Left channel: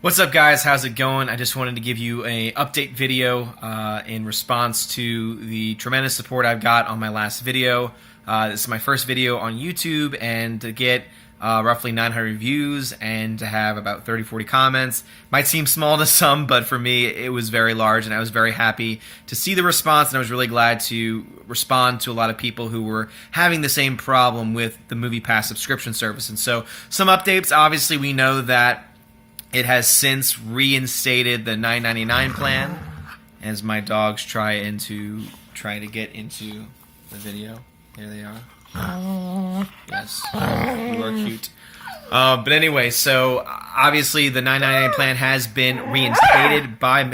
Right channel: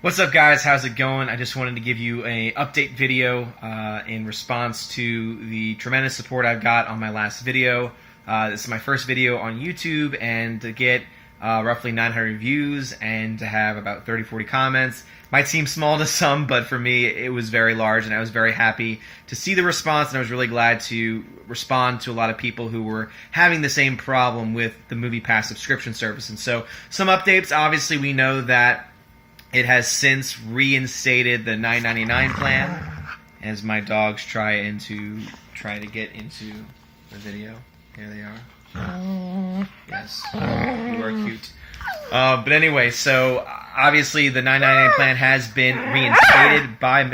What's up, guys? How's it going? I just wanted to give you a update video in response to the tremendous support I've got on my last video. This is my first video on YouTube, and to get roughly 900 views and to have about 30-40 comments might seem small to some, but for me it was very large, and I was very happy to see the response, and I was really glad to respond to a lot of people who were having the same problem with the MoviePass subscription service. And so some updates. Obviously, we know that it has since reinstated the $9.99 plan, as my dogs try to get into the video. Here they are. Yes, you are cute. But anyway, so obviously the $9.99 plan has been reinstated by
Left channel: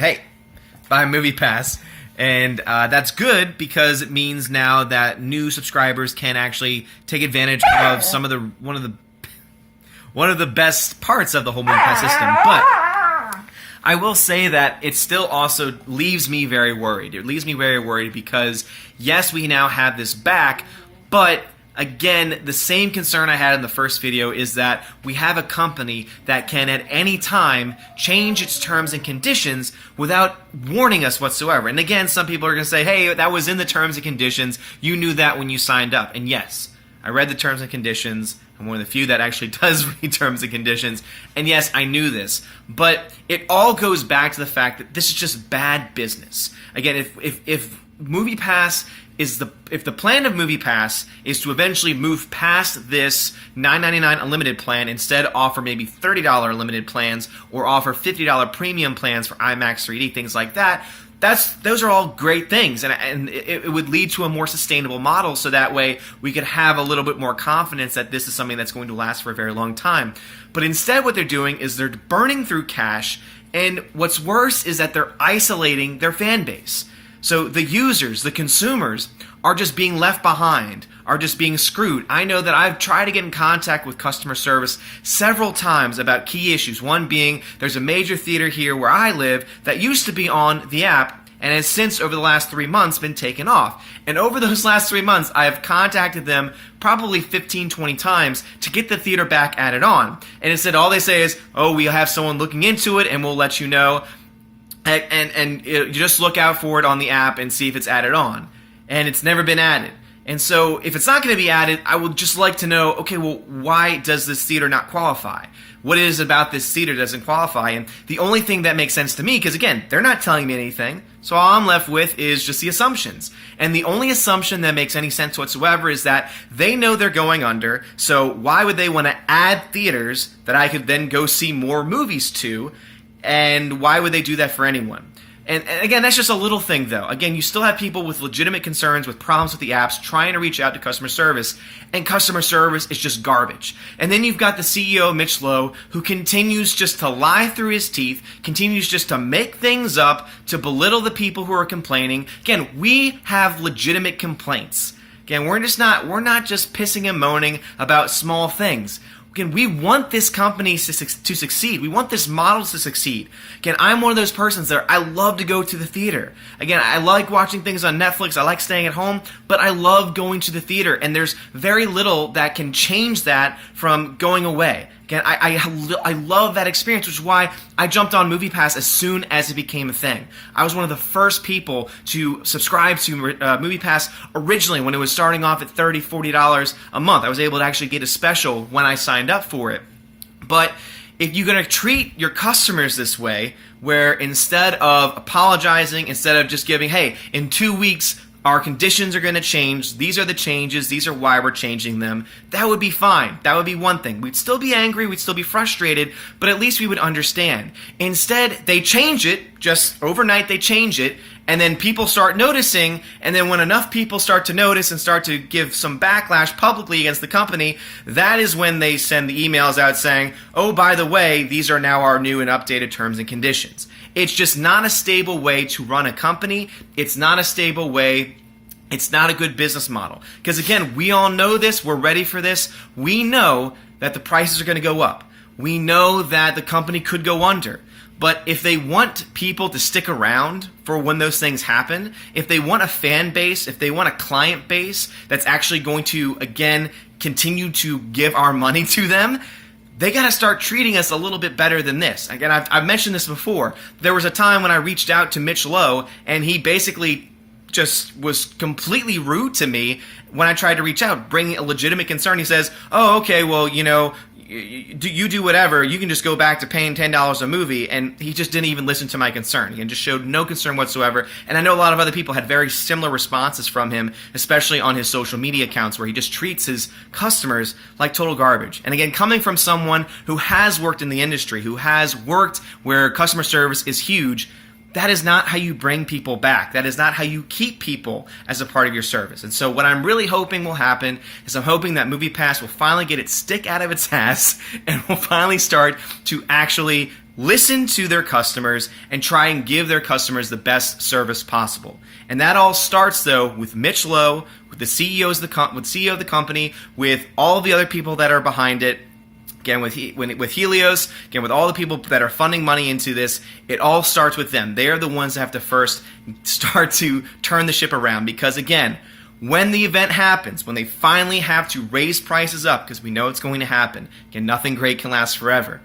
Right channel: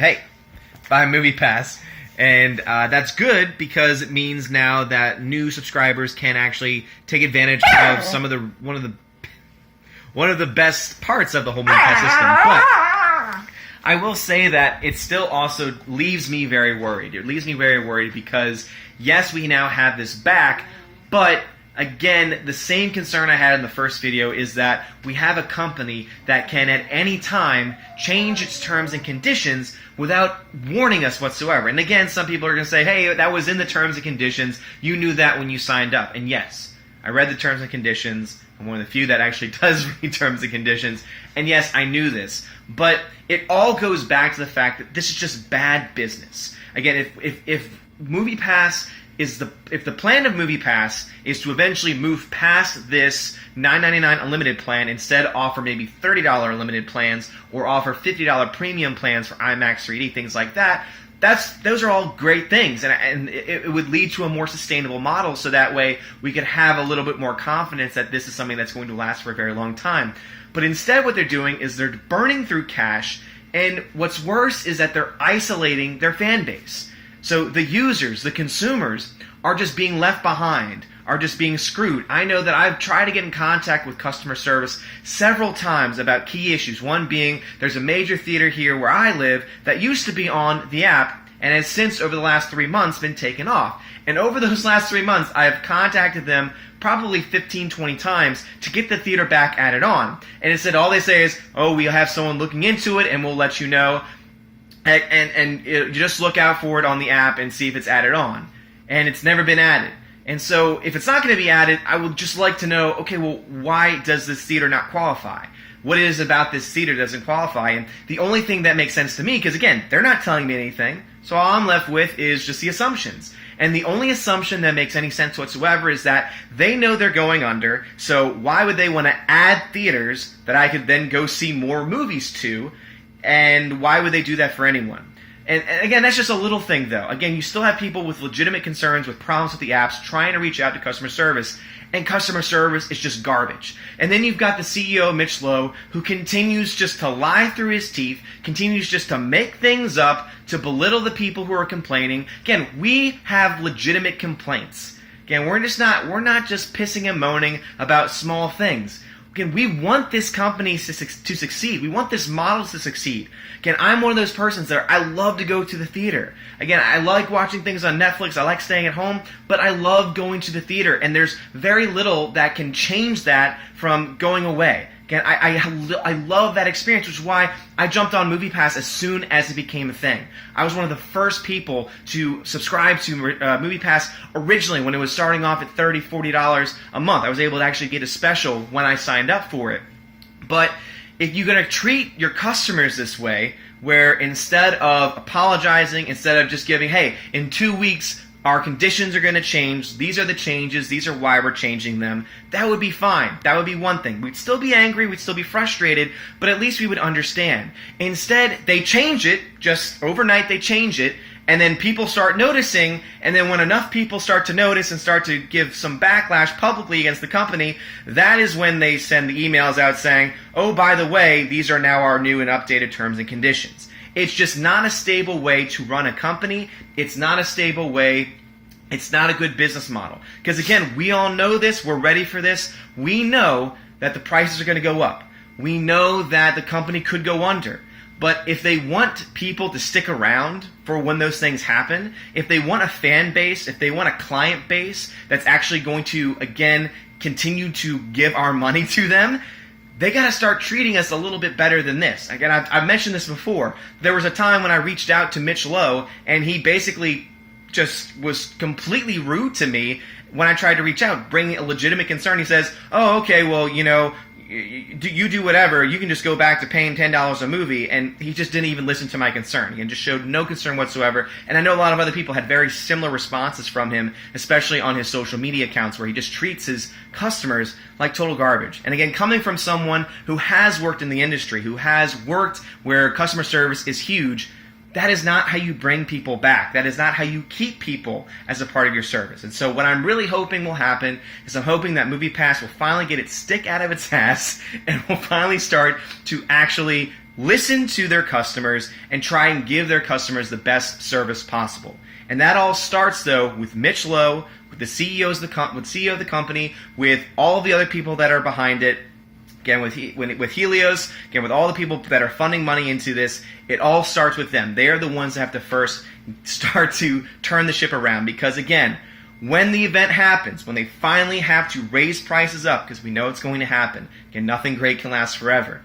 MoviePass, and that's good because it means now that new subscribers can actually take advantage of one of the best parts of the whole MoviePass system. But I will say that it still also leaves me very worried. It leaves me very worried because, yes, we now have this back, but again, the same concern I had in the first video is that we have a company that can at any time change its terms and conditions without warning us whatsoever. And again, some people are going to say, hey, that was in the terms and conditions. You knew that when you signed up. And yes, I read the terms and conditions. I'm one of the few that actually does read terms and conditions. And yes, I knew this. But it all goes back to the fact that this is just bad business. Again, if MoviePass is if the plan of MoviePass is to eventually move past this $9.99 unlimited plan, instead offer maybe $30 unlimited plans, or offer $50 premium plans for IMAX 3D, things like that, those are all great things, and it would lead to a more sustainable model, so that way we could have a little bit more confidence that this is something that's going to last for a very long time. But instead what they're doing is they're burning through cash, and what's worse is that they're isolating their fan base. So the users, the consumers, are just being left behind, are just being screwed. I know that I've tried to get in contact with customer service several times about key issues. One being, there's a major theater here where I live that used to be on the app and has since, over the last 3 months, been taken off. And over those last 3 months, I have contacted them probably 15, 20 times to get the theater back added on. And instead, all they say is, oh, we'll have someone looking into it and we'll let you know. And you just look out for it on the app and see if it's added on. And it's never been added. And so if it's not going to be added, I would just like to know, okay, well, why does this theater not qualify? What is about this theater that doesn't qualify? And the only thing that makes sense to me, because again, they're not telling me anything, so all I'm left with is just the assumptions. And the only assumption that makes any sense whatsoever is that they know they're going under, so why would they want to add theaters that I could then go see more movies to? And why would they do that for anyone? And again, that's just a little thing, though. Again, you still have people with legitimate concerns, with problems with the apps, trying to reach out to customer service, and customer service is just garbage. And then you've got the CEO, Mitch Lowe, who continues just to lie through his teeth, continues just to make things up, to belittle the people who are complaining. Again, we have legitimate complaints. Again, we're not just pissing and moaning about small things. Again, we want this company to succeed. We want this model to succeed. Again, I'm one of those persons that I love to go to the theater. Again, I like watching things on Netflix. I like staying at home, but I love going to the theater. And there's very little that can change that from going away. Again, I love that experience, which is why I jumped on MoviePass as soon as it became a thing. I was one of the first people to subscribe to MoviePass originally when it was starting off at $30, $40 a month. I was able to actually get a special when I signed up for it. But if you're going to treat your customers this way, where instead of apologizing, instead of just giving, hey, in 2 weeks, our conditions are going to change, these are the changes, these are why we're changing them, that would be fine. That would be one thing. We'd still be angry, we'd still be frustrated, but at least we would understand. Instead, they change it, just overnight they change it, and then people start noticing, and then when enough people start to notice and start to give some backlash publicly against the company, that is when they send the emails out saying, oh, by the way, these are now our new and updated terms and conditions. It's just not a stable way to run a company. It's not a stable way. It's not a good business model. Because again, we all know this. We're ready for this. We know that the prices are going to go up. We know that the company could go under. But if they want people to stick around for when those things happen, if they want a fan base, if they want a client base that's actually going to, again, continue to give our money to them, they got to start treating us a little bit better than this. Again, I've mentioned this before. There was a time when I reached out to Mitch Lowe, and he basically just was completely rude to me when I tried to reach out, bringing a legitimate concern. He says, oh, okay, well, you know, you do whatever, you can just go back to paying $10 a movie, and he just didn't even listen to my concern. He just showed no concern whatsoever, and I know a lot of other people had very similar responses from him, especially on his social media accounts, where he just treats his customers like total garbage. And again, coming from someone who has worked in the industry, who has worked where customer service is huge, that is not how you bring people back. That is not how you keep people as a part of your service. And so what I'm really hoping will happen is I'm hoping that MoviePass will finally get its stick out of its ass and will finally start to actually listen to their customers and try and give their customers the best service possible. And that all starts, though, with Mitch Lowe, with the CEO of the company, with all the other people that are behind it. Again, with Helios, again, with all the people that are funding money into this, it all starts with them. They are the ones that have to first start to turn the ship around. Because, again, when the event happens, when they finally have to raise prices up, because we know it's going to happen, again, nothing great can last forever.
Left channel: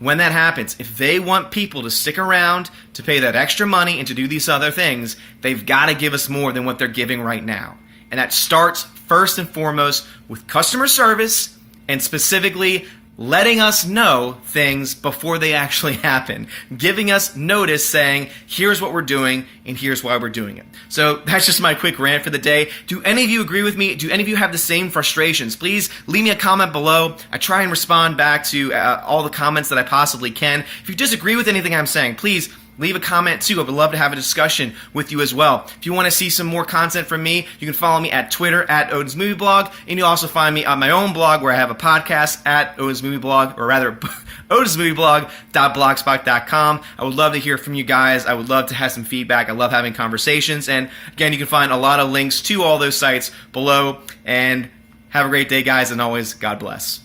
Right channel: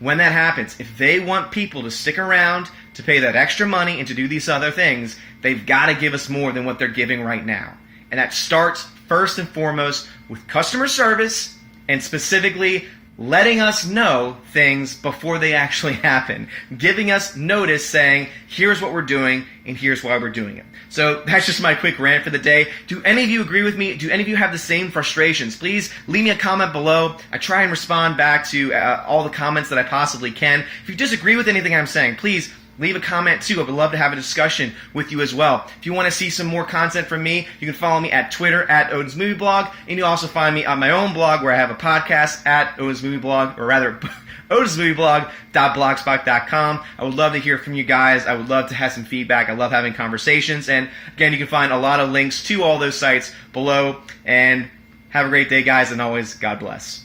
When that happens, if they want people to stick around, to pay that extra money, and to do these other things, they've got to give us more than what they're giving right now. And that starts first and foremost with customer service, and specifically letting us know things before they actually happen, giving us notice saying, here's what we're doing and here's why we're doing it. So that's just my quick rant for the day. Do any of you agree with me? Do any of you have the same frustrations? Please leave me a comment below. I try and respond back to all the comments that I possibly can. If you disagree with anything I'm saying, please leave a comment too. I would love to have a discussion with you as well. If you want to see some more content from me, you can follow me at Twitter at Odin's Movie Blog, and you'll also find me on my own blog where I have a podcast at Odin's Movie Blog, or rather odinsmovieblog.blogspot.com. I would love to hear from you guys. I would love to have some feedback. I love having conversations, and again, you can find a lot of links to all those sites below. And have a great day, guys, and always, God bless.